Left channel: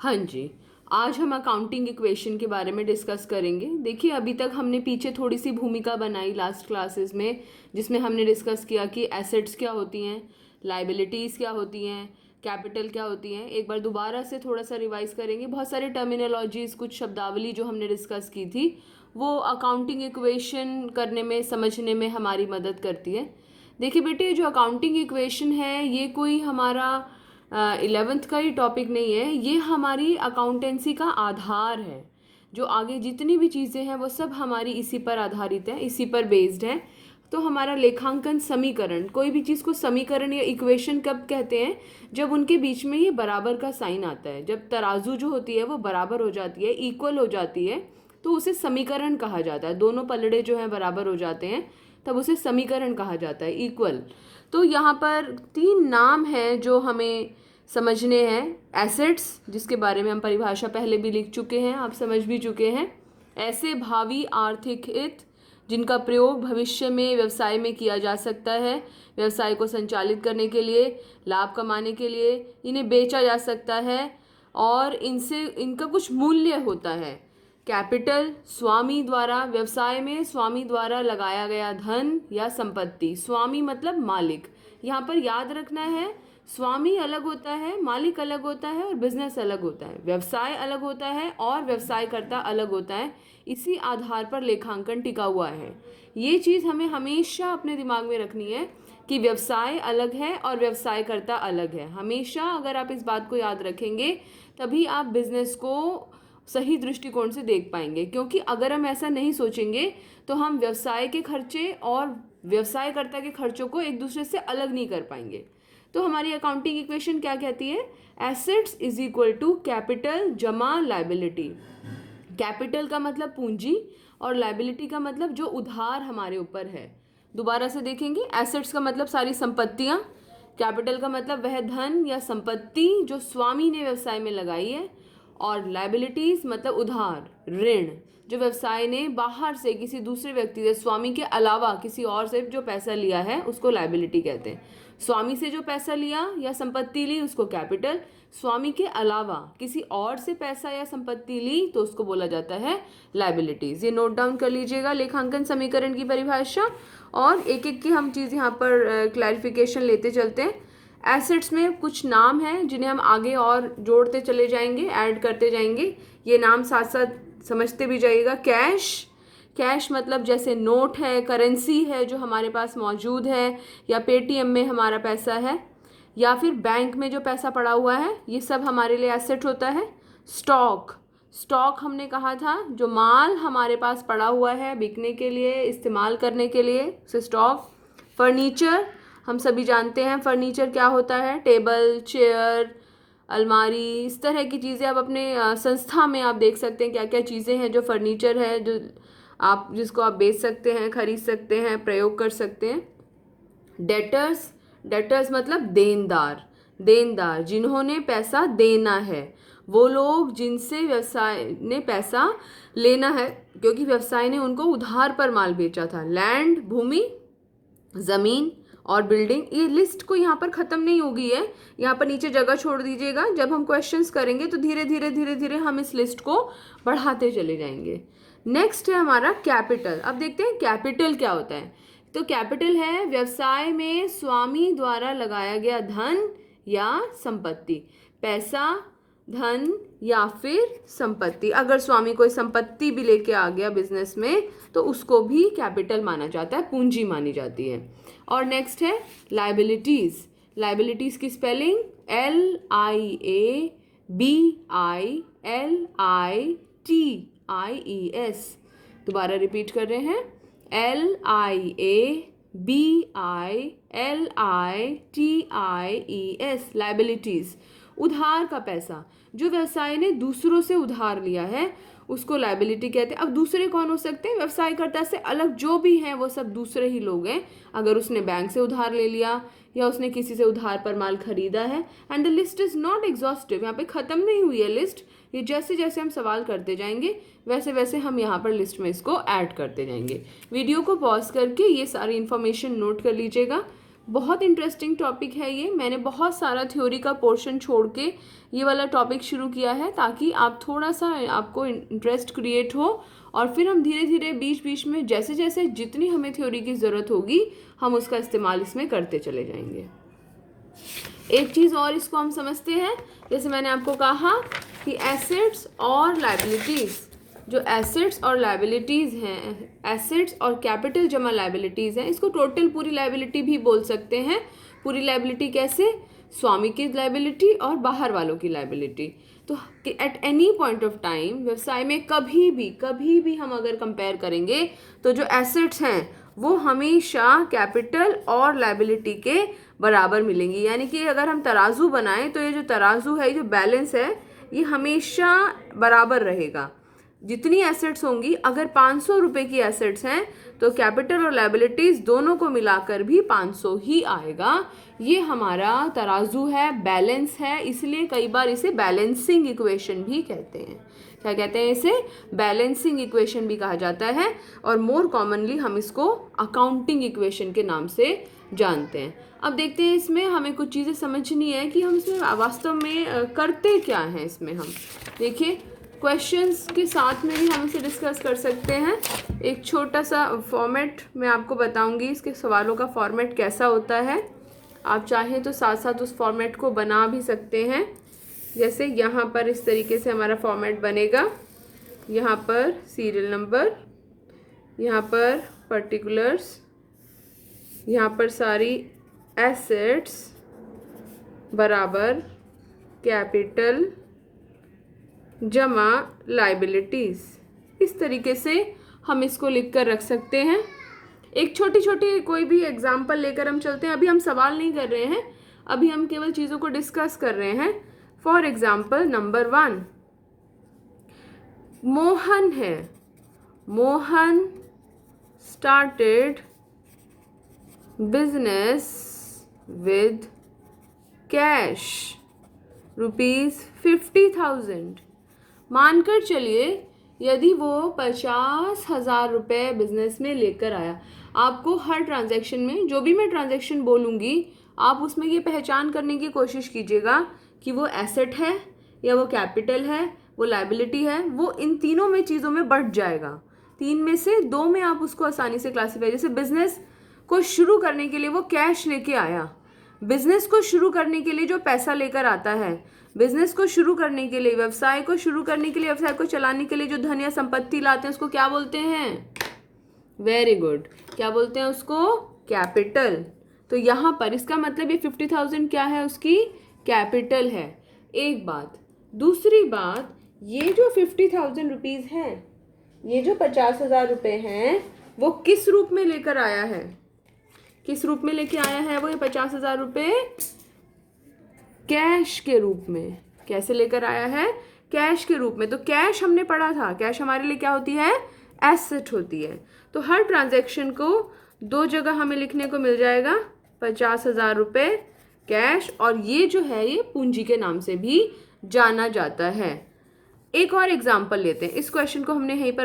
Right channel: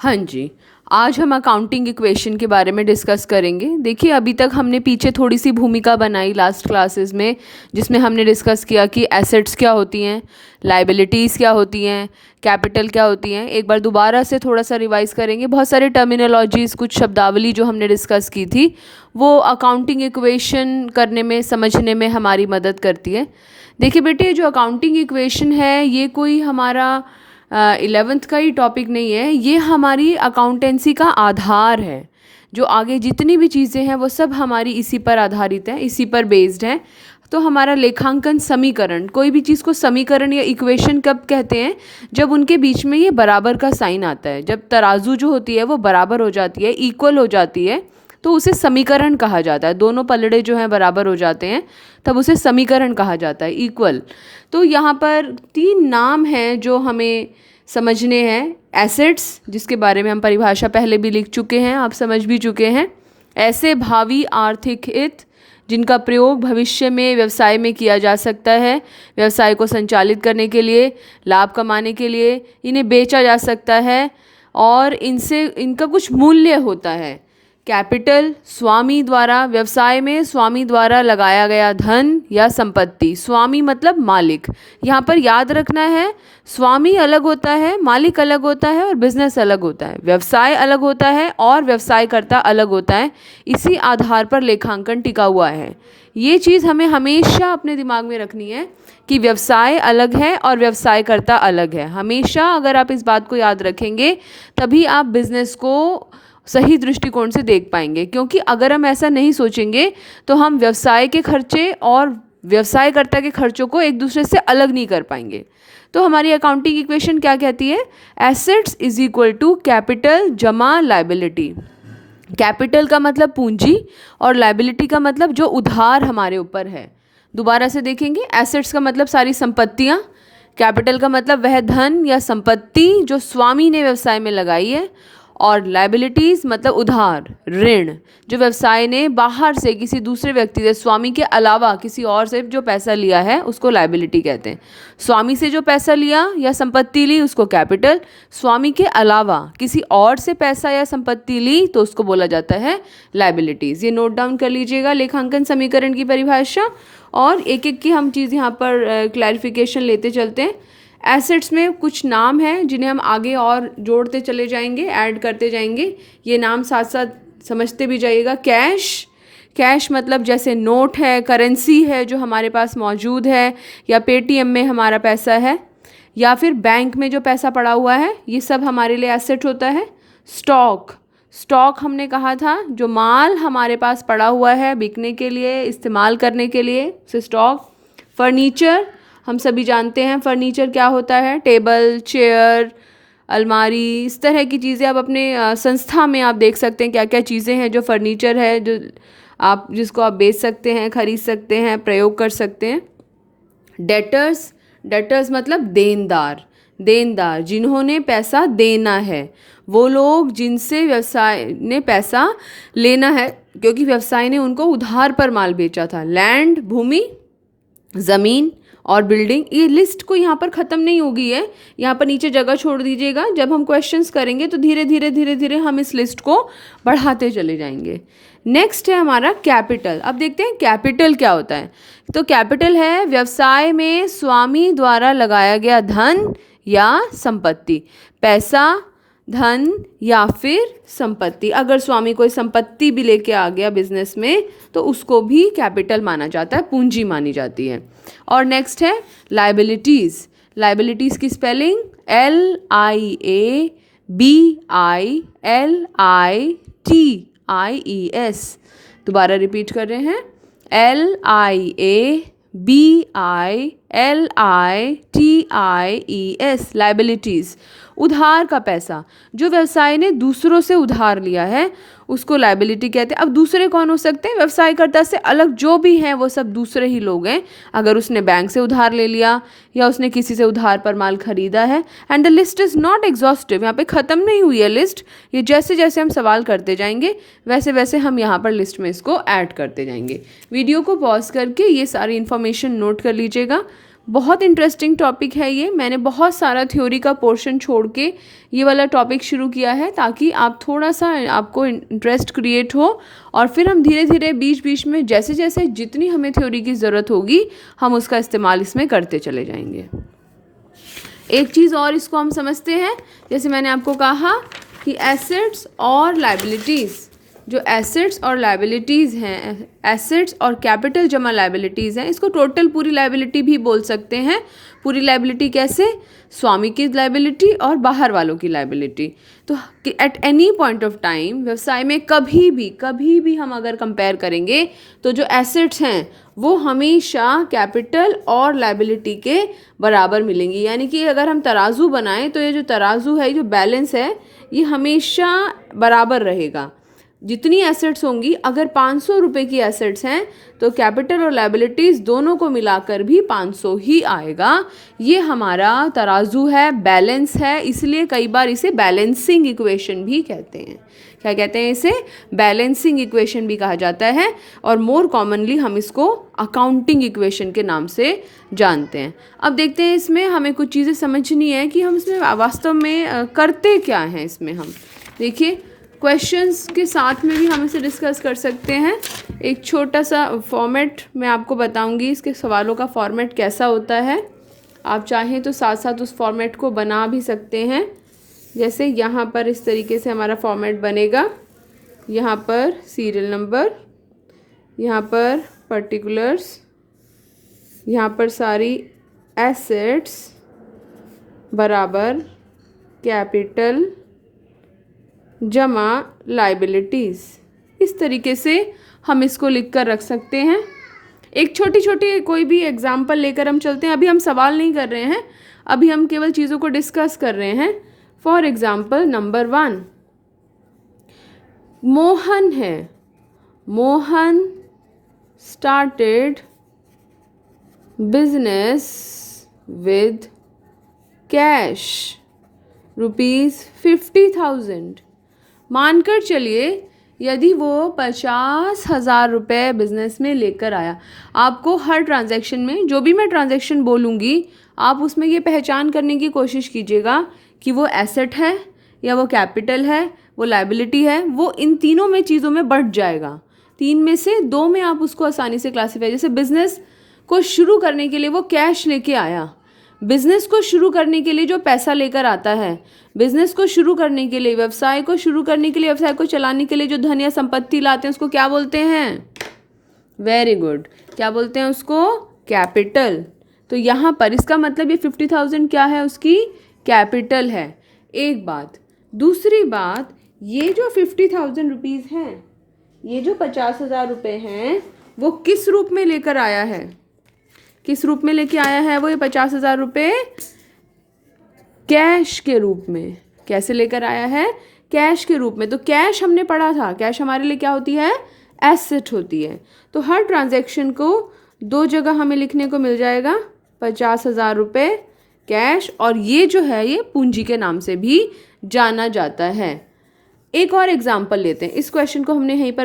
हाँ जी। आज हम अकाउंटिंग इक्वेशन के बारे में डिस्कस करेंगे। देखिए, अभी तक हमने पीछे थोड़ी सी भूमिका बनाई लास्ट क्लासेस में, जिसमें हमने डिस्कस किया कि एसेट्स क्या होती हैं, लाइबिलिटीज़ क्या होती हैं, कैपिटल क्या होती हैं। एक बार दोबारा से थोड़ा सा रिवाइज करेंगे। बहुत सारे टर्मिनोलॉजीज़, कुछ शब्दावली जो हमने डिस्कस की थी, वो अकाउंटिंग इक्वेशन करने में, समझने में हमारी मदद करती है। देखिए बेटे, जो अकाउंटिंग इक्वेशन है ये कोई हमारा 11th का ही टॉपिक नहीं है, ये हमारी अकाउंटेंसी का आधार है। जो आगे जितनी भी चीज़ें हैं वो सब हमारी इसी पर आधारित हैं, इसी पर बेस्ड हैं। तो हमारा लेखांकन समीकरण, कोई भी चीज़ को समीकरण या इक्वेशन कब कहते हैं? जब उनके बीच में ये बराबर का साइन आता है, जब तराजू जो होती है वो बराबर हो जाती है, इक्वल हो जाती है, तो उसे समीकरण कहा जाता है। दोनों पलड़े जो हैं बराबर हो जाते हैं, तब उसे समीकरण कहा जाता है, इक्वल। तो यहाँ पर 3 नाम हैं जो हमें समझने हैं। एसेट्स, जिसके बारे में हम परिभाषा पहले भी लिख चुके हैं, आप समझ भी चुके हैं। ऐसे भावी आर्थिक हित जिनका प्रयोग भविष्य में व्यवसाय में किया जा सकता है, व्यवसाय को संचालित करने के लिए, लाभ कमाने के लिए, इन्हें बेचा जा सकता है और इनसे इनका कुछ मूल्य होता है। कैपिटल, स्वामी द्वारा, व्यवसाय में स्वामी द्वारा लगाया गया धन या संपत्ति। स्वामी मतलब मालिक। यहाँ पर याद रखना है, स्वामी अलग होता है, मालिक अलग होता है और बिजनेस अलग होता है। व्यवसाय अलग होता है और व्यवसायकर्ता अलग होता है। इसी आधार पर लेखांकन टिका हुआ है। ये चीज़ हमें हमेशा अपने दिमाग में रखनी है कि व्यवसाय अलग है और व्यवसायकर्ता अलग है। हमेशा अगर आप इस बात को याद रखेंगे, तभी आप बिजनेस को सही दृष्टिकोण से देख पाएंगे। क्योंकि अगर हम ऐसा नहीं सोचेंगे तो हम व्यवसाय के खर्चे और व्यवसायकर्ता के खर्चों को एक दूसरे से अलग नहीं कर पाएंगे। तो हमारी अकाउंटिंग इक्वेशन क्या कहती है? Assets is equal to capital जमा लाइबिलिटी। कैपिटल का मतलब पूंजी और लाइबिलिटी का मतलब जो उधार हमारे ऊपर है। दोबारा से देखेंगे, एसेट्स का मतलब सारी संपत्तियाँ, कैपिटल का मतलब वह धन या संपत्ति जो स्वामी ने व्यवसाय में लगाई है, और लाइबिलिटीज़ मतलब उधार, ऋण, जो व्यवसाय ने बाहर से किसी दूसरे व्यक्ति से, स्वामी के अलावा किसी और से जो पैसा लिया है उसको लाइबिलिटी कहते हैं। स्वामी से जो पैसा लिया या संपत्ति ली उसको कैपिटल, स्वामी के अलावा किसी और से पैसा या संपत्ति ली तो उसको बोला जाता है लाइबिलिटीज़। ये नोट डाउन कर लीजिएगा लेखांकन समीकरण की परिभाषा, और एक एक की हम चीज़ यहाँ पर क्लैरिफिकेशन लेते चलते हैं। एसेट्स में कुछ नाम हैं जिन्हें हम आगे और जोड़ते चले जाएंगे, ऐड करते जाएंगे। ये नाम साथ साथ समझते भी जाइएगा। कैश, कैश मतलब जैसे नोट है, करेंसी है जो हमारे पास मौजूद है, या पेटीएम में हमारा पैसा है, या फिर बैंक में जो पैसा पड़ा हुआ है, ये सब हमारे लिए एसेट होता है। स्टॉक, स्टॉक हमने कहा था जो माल हमारे पास पड़ा हुआ है बिकने के लिए, इस्तेमाल करने के लिए, उसे स्टॉक। फर्नीचर, हम सभी जानते हैं फर्नीचर क्या होता है, टेबल, चेयर, अलमारी, इस तरह की चीज़ें। आप अपने संस्था में आप देख सकते हैं क्या क्या चीज़ें हैं जो फर्नीचर है, जो आप जिसको आप बेच सकते हैं, खरीद सकते हैं, प्रयोग कर सकते हैं। डेटर्स, डेटर्स मतलब देनदार, देनदार जिन्होंने पैसा देना है, वो लोग जिनसे व्यवसाय ने पैसा लेना है क्योंकि व्यवसाय ने उनको उधार पर माल बेचा था। लैंड, भूमि, ज़मीन और बिल्डिंग। ये लिस्ट को यहाँ पर ख़त्म नहीं होगी है, यहाँ पर नीचे जगह छोड़ दीजिएगा। जब हम क्वेश्चंस करेंगे तो धीरे धीरे धीरे धीरे हम इस लिस्ट को बढ़ाते चले जाएंगे। नेक्स्ट है हमारा कैपिटल। अब देखते हैं कैपिटल क्या होता है। तो कैपिटल है व्यवसाय में स्वामी द्वारा लगाया गया धन या संपत्ति। पैसा, धन या फिर संपत्ति। अगर स्वामी कोई संपत्ति भी लेके आ गया बिजनेस में तो उसको भी कैपिटल माना जाता है, पूंजी मानी जाती है। और नेक्स्ट है लाइबिलिटीज़। लाइबिलिटीज़ की स्पेलिंग LIABILITIES। दोबारा रिपीट कर रहे हैं, LIABILITIES, लाइबिलिटीज़। उधार का पैसा, जो व्यवसाय ने दूसरों से उधार लिया है उसको लाइबिलिटी कहते हैं। अब दूसरे कौन हो सकते हैं? व्यवसायकर्ता से अलग जो भी हैं वो सब दूसरे ही लोग हैं। अगर उसने बैंक से उधार ले लिया या उसने किसी से उधार पर माल खरीदा है। And the list is not exhaustive, यहाँ पे ख़त्म नहीं हुई है लिस्ट। ये जैसे जैसे हम सवाल करते जाएंगे वैसे वैसे हम यहाँ पर लिस्ट में इसको ऐड करते जाएंगे। वीडियो को पॉज करके ये सारी इन्फॉर्मेशन नोट कर लीजिएगा। बहुत इंटरेस्टिंग टॉपिक है ये। मैंने बहुत सारा थ्योरी का पोर्शन छोड़ के ये वाला टॉपिक शुरू किया है ताकि आप थोड़ा सा आपको इंटरेस्ट क्रिएट हो, और फिर हम धीरे धीरे बीच बीच में जैसे जैसे जितनी हमें थ्योरी की ज़रूरत होगी हम उसका इस्तेमाल इसमें करते चले जाएंगे। एक चीज़ और इसको हम समझते हैं, जैसे मैंने आपको कहा कि एसेट्स और लायबिलिटीज़, जो एसेट्स और लायबिलिटीज़ हैं, एसेट्स और कैपिटल जमा लायबिलिटीज़ हैं, इसको टोटल पूरी लायबिलिटी भी बोल सकते हैं। पूरी लायबिलिटी कैसे? स्वामी की लायबिलिटी और बाहर वालों की लायबिलिटी। तो at any point of time व्यवसाय में कभी भी हम अगर कंपेयर करेंगे तो जो एसेट्स हैं वो हमेशा कैपिटल और लायबिलिटी के बराबर मिलेंगी। यानी कि अगर हम तराजू बनाएं तो ये जो तराजू है, जो बैलेंस है, ये हमेशा बराबर रहेगा। जितनी एसेट्स होंगी, अगर 500 रुपये की एसेट्स हैं तो कैपिटल और लायबिलिटीज़ दोनों को मिलाकर भी 500 ही आएगा। ये हमारा तराजू है, बैलेंस है, इसलिए कई बार इसे बैलेंसिंग इक्वेशन भी कहते हैं। क्या कहते हैं इसे? बैलेंसिंग इक्वेशन भी कहा जाता है, और मोर कॉमनली हम इसको अकाउंटिंग इक्वेशन के नाम से जानते हैं। अब देखते हैं इसमें हमें कुछ चीज़ें समझनी है कि हम इसमें वास्तव में करते क्या हैं। इसमें हम देखिए क्वेश्चंस के साथ में भी हम इसे डिस्कस कर सकते हैं। एक छोटा सा फॉर्मेट मैं आपको बताऊंगी, इसके सवालों का फॉर्मेट कैसा होता है। आप चाहें तो साथ साथ उस फॉर्मेट को बना भी सकते हैं। जैसे यहाँ पर इस तरीके से हमारा फॉर्मेट बनेगा। यहाँ पर सीरियल नंबर, यहाँ पर पर्टिकुलर्स, यहाँ पर सारी एसेट्स बराबर कैपिटल जमा लायबिलिटीज़। इस तरीके से हम इसको लिख कर रख सकते हैं। एक छोटी छोटी कोई भी एग्जाम्पल लेकर हम चलते हैं। अभी हम सवाल नहीं कर रहे हैं, अभी हम केवल चीज़ों को डिस्कस कर रहे हैं। फॉर एग्जाम्पल नंबर 1 मोहन है। Mohan started business with cash ₹50,000। मानकर चलिए यदि वो 50,000 रुपये बिजनेस में लेकर आया। आपको हर ट्रांजैक्शन में जो भी मैं ट्रांजैक्शन बोलूँगी आप उसमें ये पहचान करने की कोशिश कीजिएगा कि वो एसेट है या वो कैपिटल है, वो लायबिलिटी है। वो इन तीनों में चीज़ों में बढ़ जाएगा। 3 में से 2 में आप उसको आसानी से क्लासीफाई, जैसे बिजनेस को शुरू करने के लिए वो कैश लेके आया। बिजनेस को शुरू करने के लिए जो पैसा लेकर आता है, बिजनेस को शुरू करने के लिए, व्यवसाय को शुरू करने के लिए, व्यवसाय को चलाने के लिए जो धन या संपत्ति लाते हैं उसको क्या बोलते हैं? वेरी गुड, क्या बोलते हैं उसको? कैपिटल। तो यहाँ पर इसका मतलब ये 50,000 क्या है? उसकी कैपिटल है। एक बात। दूसरी बात, ये जो 50,000 रुपीज़ हैं, ये जो 50,000 रुपये हैं, वो किस रूप में लेकर आया है? किस रूप में लेके आया है वो? ये 50,000 रुपये कैश के रूप में। कैसे लेकर आया है? कैश के रूप में। तो कैश हमने पढ़ा था, कैश हमारे लिए क्या होती है? एसेट होती है। तो हर ट्रांजैक्शन को 2 जगह हमें लिखने को मिल जाएगा, 50,000 रुपये कैश, और ये जो है ये पूंजी के नाम से भी जाना जाता है। एक और एग्जाम्पल लेते हैं। इस क्वेश्चन को हमने यहीं पर